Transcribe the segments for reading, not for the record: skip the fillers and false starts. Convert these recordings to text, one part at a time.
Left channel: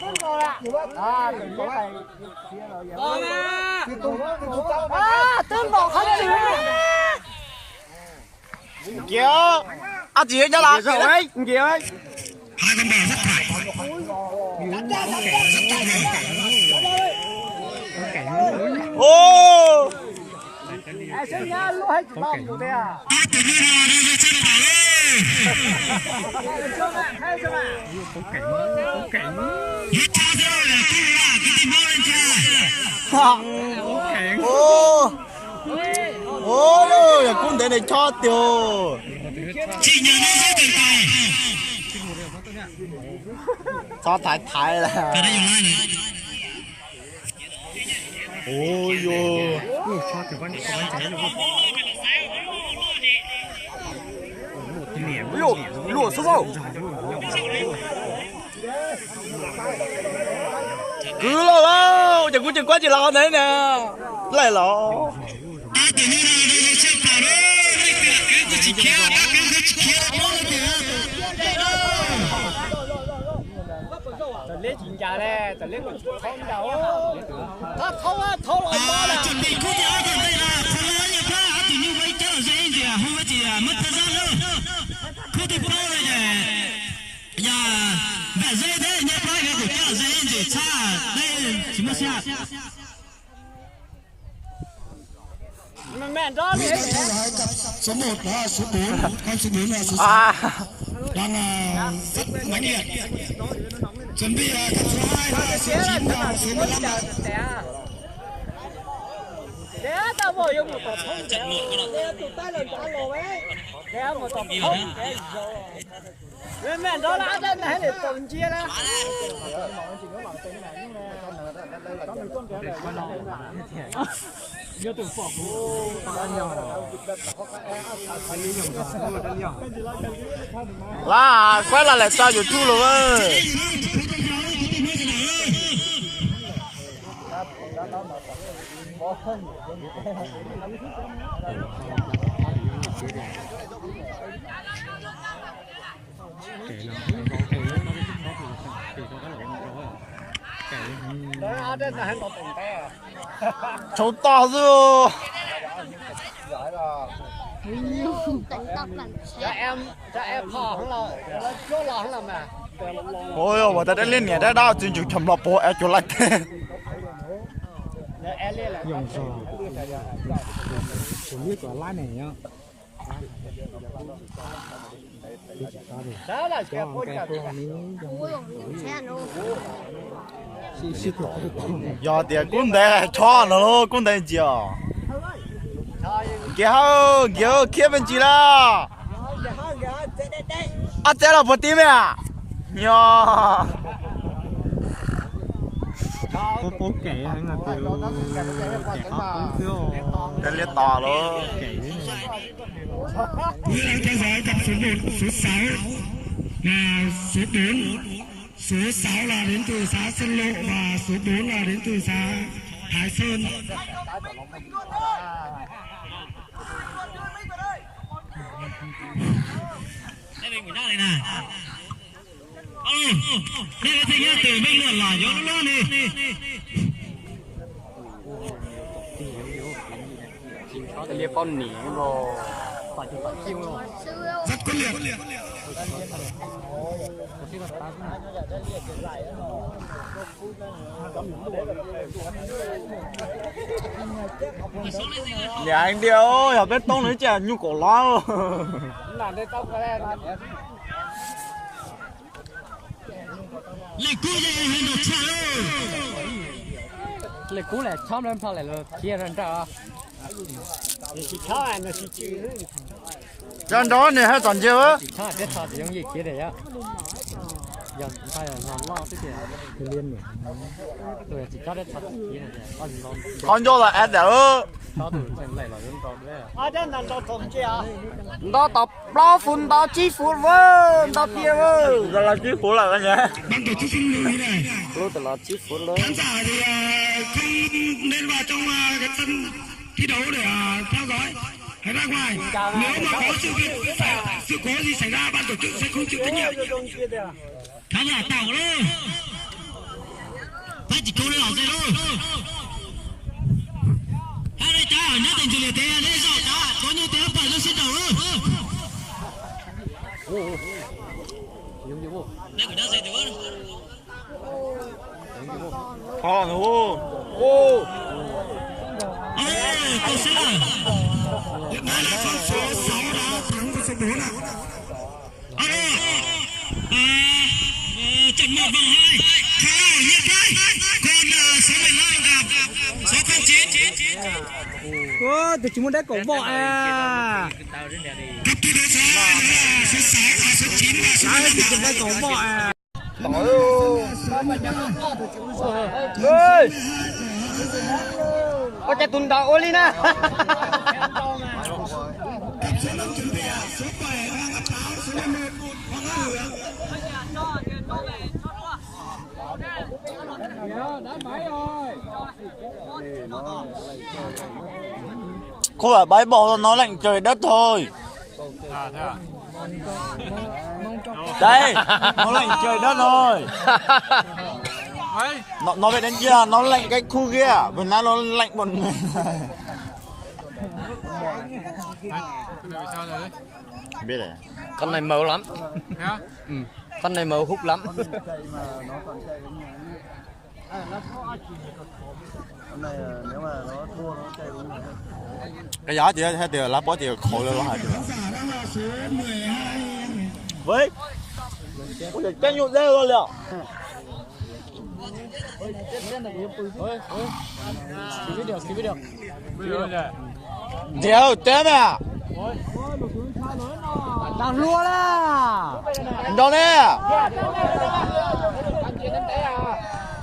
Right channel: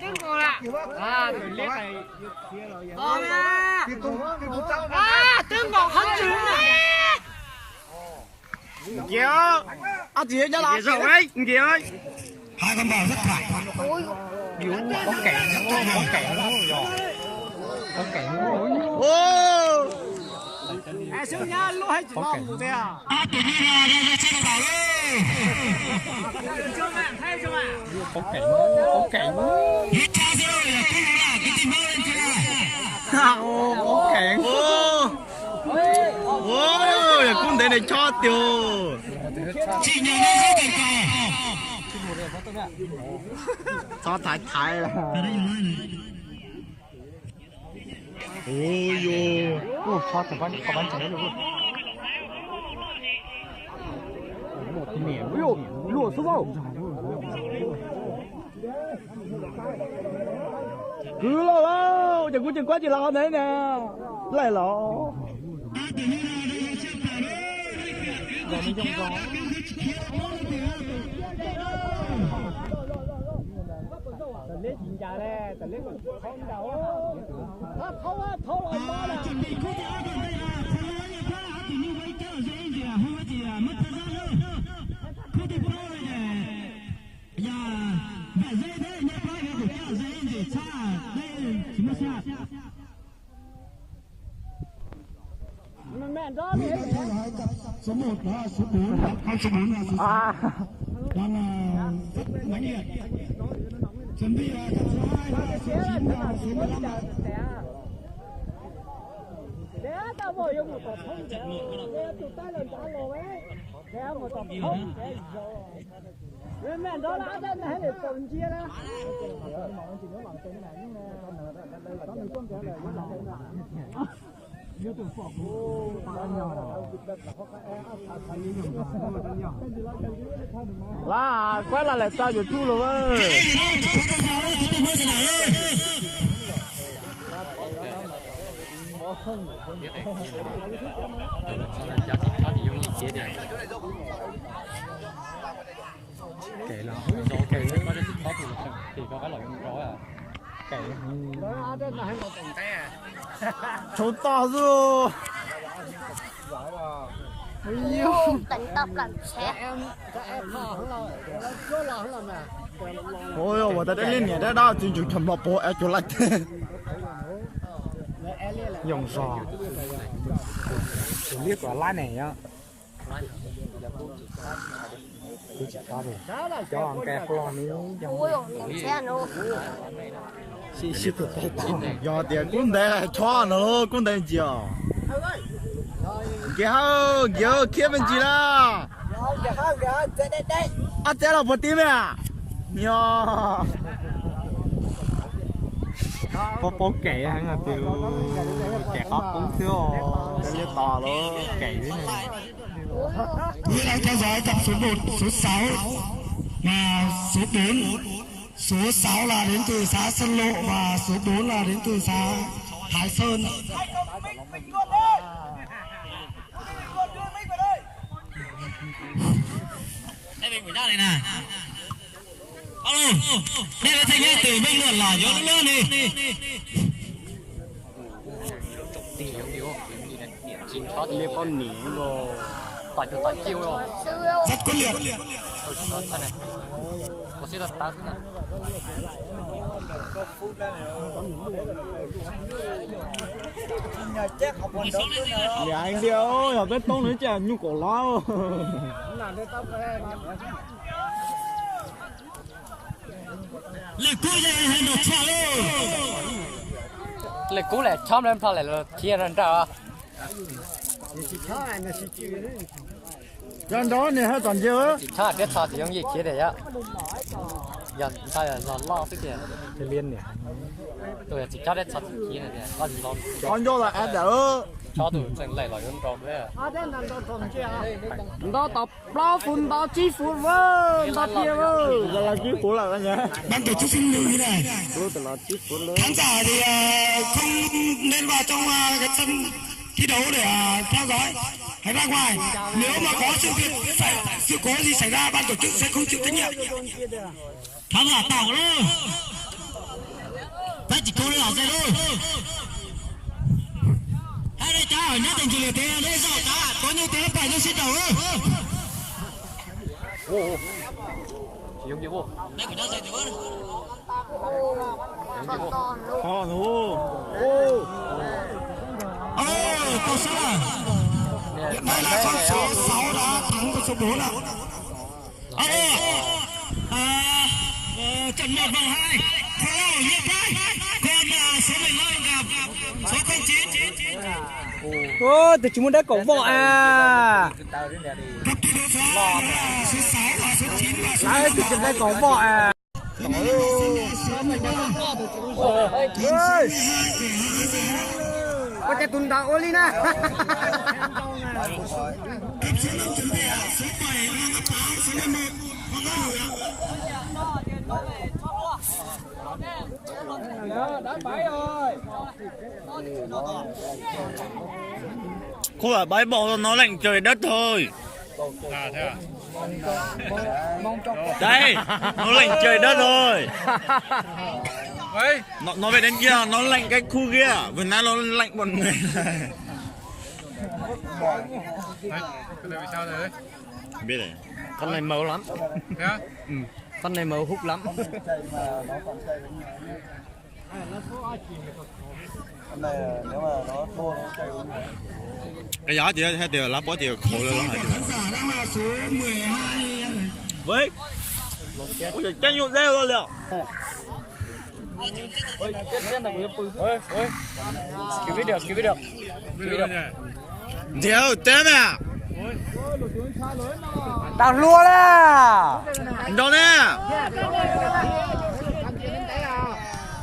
Tiếng còn là à mình liếc này còn à tiếng còn hết chữ kìa à chị cho là kìa đấy kìa ơi hai con bò rất phải ô à xin nhá lúc hay chỉ làm được thế à tự nhiên là đây trên đảo có cảnh hết cha rồi là cái tìm bao lên chưa có cảnh ô đâu là con đấy này cho tiêu chị nhớ nó rất tuyệt vời cho thái là cái đây dùng lại này ôi yo cho từ con cháy luôn lụa xuống không cứ lo lo chẳng có chuyện quá chỉ lo đấy nè lại lo tự nhiên là đây trên đảo đó cái chỉ kia cái chỉ kia lấy chuyện già đây lấy một thông đầu nó thâu lại mà chuẩn bị cút áo còn đây là phá nhà phá tự nhiên quay trở dễ gì à không có gì à mất thời gian đâu cút thì bao rồi nhỉ giờ vẻ dễ thế nhà phá cái của trở dễ gì xa đây chỉ mất xa mẹ đó đi số 1 là số 4 con số 4 là số 6 đang rất mạnh liệt chuẩn bị con số 2 là số 9 và số 15 tao vừa dùng một tập thông trận một cái tụi ta lần trả lồ ấy kéo một tập thông mẹ đó là đây này để tuần chia đó nhớ từ phỏ là quay lại sao YouTube luôn ơi cháu to rồi tỉnh tóc làm cho em họ không lo chỗ lo không làm mà ôi ôi tôi đã lên nhà đã đau chuyện chậm lọp bộ em cho lại dùng sò biết quả lá này nhá đó là cái con kẹp giờ thì con đấy cho nó con đấy gì kia kia bên gì đó à thế là bớt tim à nhờ có kẻ hay là từ kẻ khó cũng thiếu cái liệt tỏ luôn kẻ đấy này quý đang theo dõi tập số 1 số 6 là số 4 số 6 là đến từ xã Sơn Lộ và số 4 là đến từ xã Thái Sơn đây mình ra đây nè alo đây là thành ra từ bên luận là gió luôn đi liệp con nỉ mà tỏi cho tỏi chiêu rồi rất quyết liệt nhà anh điêu ở bên tông nữa chả nhu cổ lo làm đây tóc cái này lịch cũ này hay một sao lịch cũ này chóm lên sao lại là chia ra sao à chỉ chó này nó chỉ chữ chân đó này hay toàn chiêu á chó là cái chó chỉ giống gì chia để á giờ sao là lo cái gì cái liên này tôi chỉ chó đấy chó chia này con lo con vô là ăn đỡ chó tụi mình lại là con trộm đấy à đây là nó trộm chứ à đó tập bao phun đó chi phun với đó kia với giờ là chi phun là cái nhá ban tổ chức xin lưu ý này là chi phun lớn khán giả thì không nên vào trong cái sân thi đấu để theo dõi hãy ra ngoài nếu mà có sự cố gì xảy ra ban tổ chức sẽ không chịu trách nhiệm thằng là tàu luôn ta chỉ cố lên rồi hai đây cha ở nhất tình chỉ là thế đấy rồi có như thế phải cho xin đầu luôn dùng gì vô đây của ta dạy được Khó nữa. Câu số hiện nay là con số 6 đã thắng con số 4 ạ. Trận 1 vòng 2 thua Nhiệt Thái, còn số 15 gặp số 09. Từ chúng đã cổng bọ à. Cặp thi đấu số 2 là số 6 và số 9 và số 15 Đã cổng bọ à. Có cái tuần đạo ô nè. cặp số 5 chuẩn bị số 7 Hoàng Áp Táo, số 11 Hoàng Áp Hưởng. Không phải bãi bỏ nó lạnh trời đất thôi. à thế à Đây, nó lạnh trời đất rồi. ấy Nó về đến kia, nó lạnh cái khu kia. Việt Nam nó lạnh một người này. cái này bị sao rồi Biết rồi. con này màu lắm thế á con này màu hút lắm Cái gió thì hay từ lá bó thì khổ lên lại. Giả đang là số 12. Với. Ôi trời chân nhụn rêu luôn liệu. cứu được bây giờ Déo té mẹ. Đào lua đó. Đó nè.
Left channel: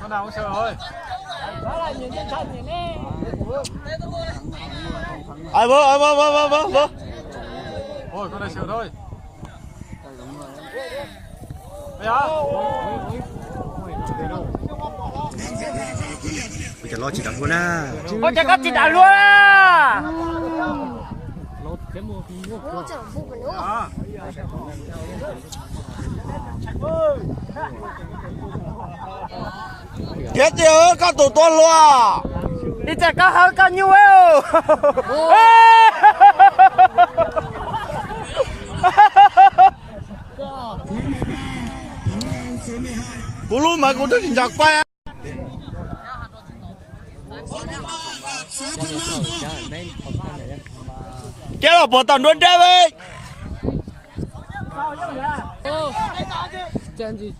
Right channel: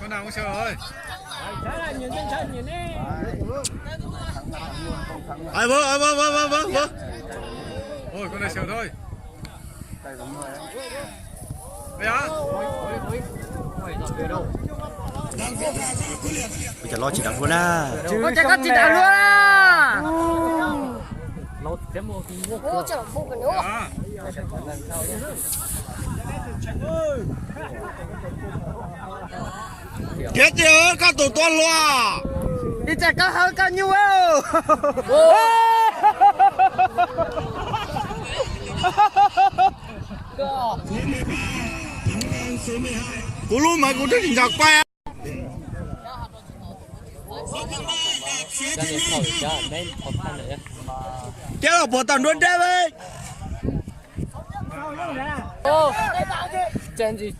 con nào cũng sợ rồi Ai vơ. ôi con này sợ thôi bây giờ Bây giờ lo chỉ đào luôn à. con chạy cắt chỉ đào luôn à Bố chở phụ của nó. à Chết chưa, các tổ tuần luôn à. đi chạy cao hơn cao nhiêu ấy Cú luôn mà cú đừng giặc bay. Kéo là bộ tần luôn đấy vậy. chân gì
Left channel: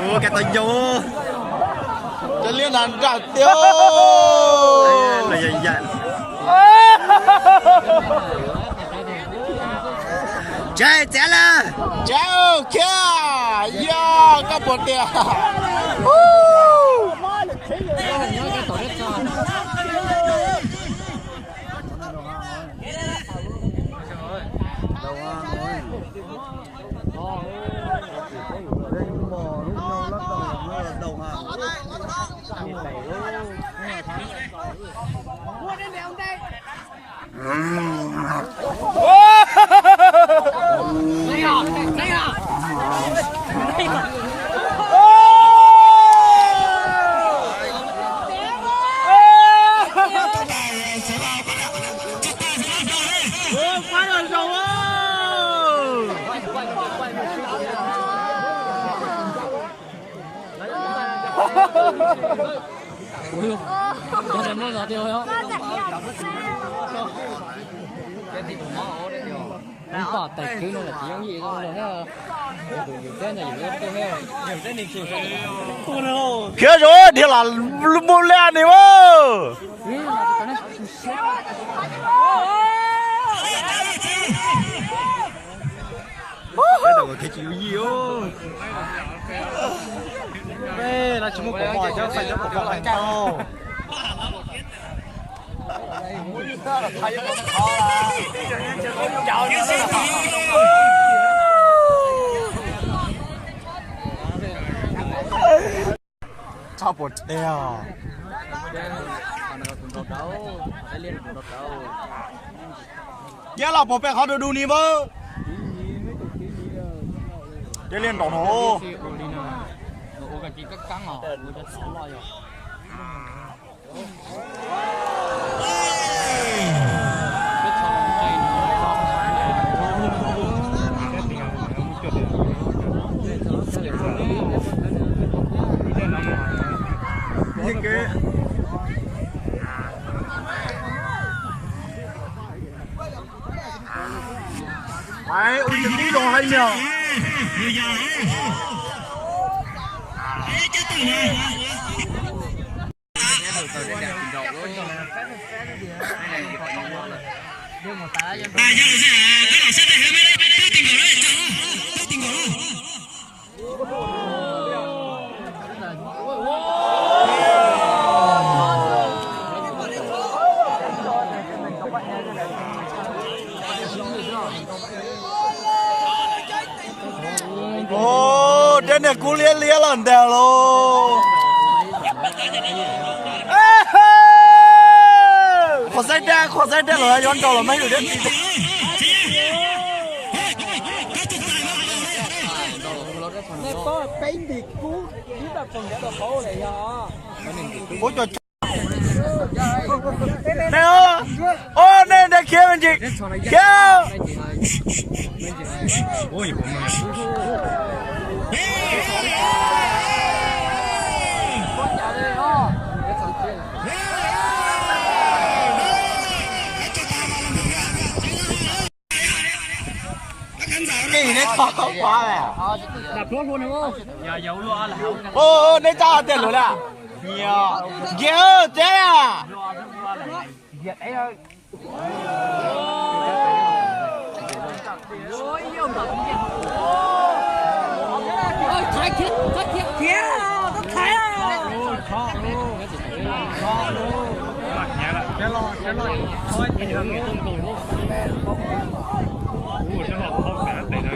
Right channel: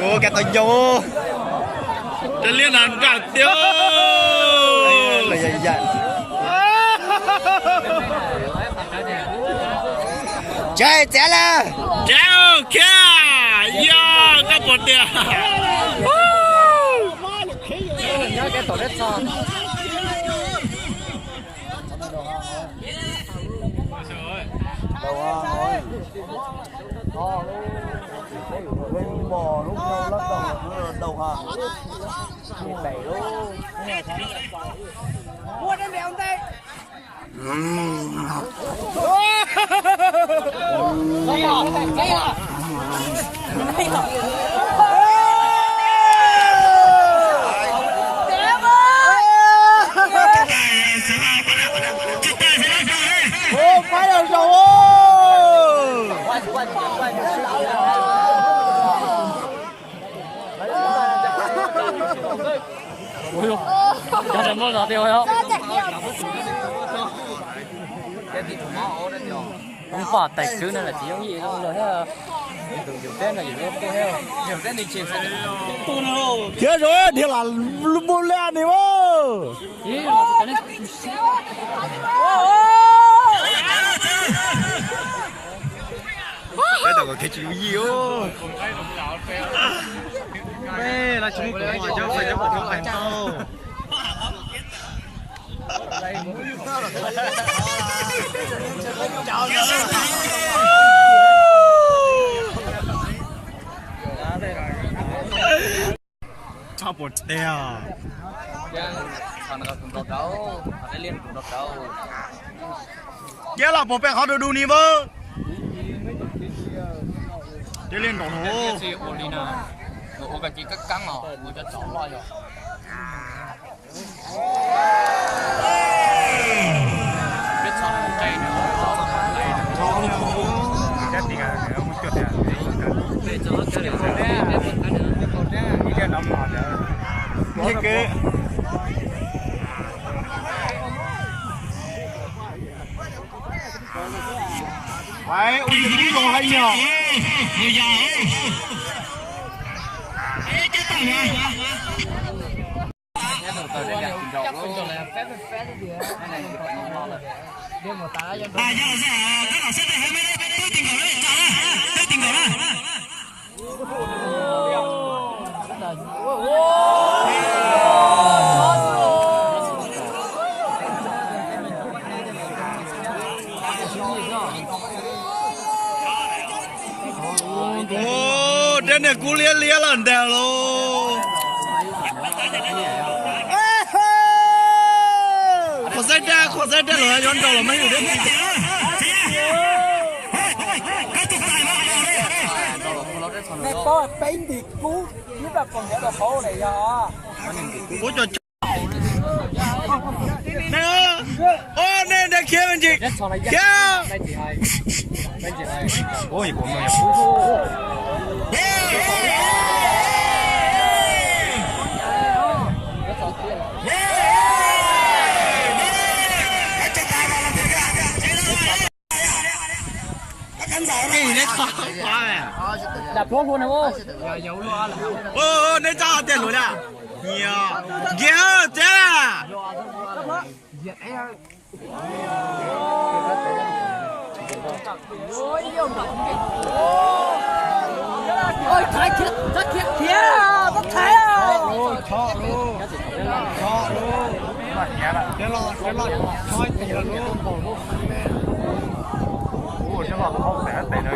Ô cái tao vô. Trên liên hàn trả tiêu. Là dạy dạy. Chạy chạy là. Chạy kìa. Yo, các bộ tiền. Phải là rồi. cho đến bao giờ tiêu không không phải tài chứ nên là chỉ có gì thôi nữa nhiều tên này nhiều tên thì chịu Kia rồi thì là bù lên đi mà. Cái đầu có cái chữ gì ô. Bê là chúng có mò cho phải cho có phải tao. sao bột đeo kia là bột bẹ họ được đu ní vơ kia liên tổng nổ cái vậy ui những cái đồ hay nhiều ô trên này cú lia lia lần đèo luôn khó dây ra rồi nhóm cầu là mấy người đến bố cho nè ô nè để kia bên chị kia ôi của mày đập lót luôn này bố giờ dấu lo là hậu ô nên cho tiền rồi nè nhiều ghê thế à Việt ấy thôi ôi yêu mà ôi thái thiết rất thiết kia có thái khó luôn để lo thôi thì là luôn cho nó không để đây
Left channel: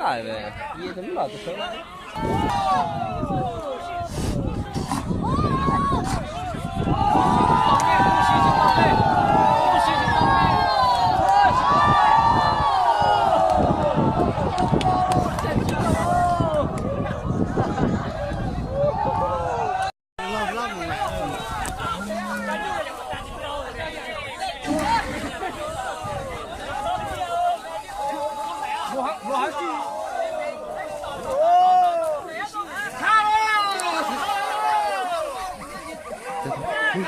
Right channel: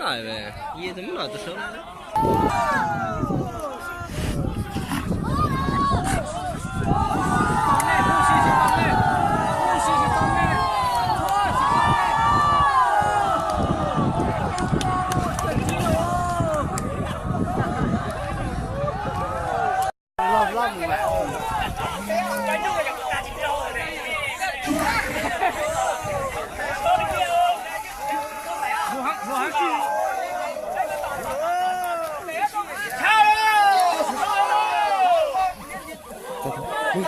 Này về, gì tính là từ sớm đấy. Ui,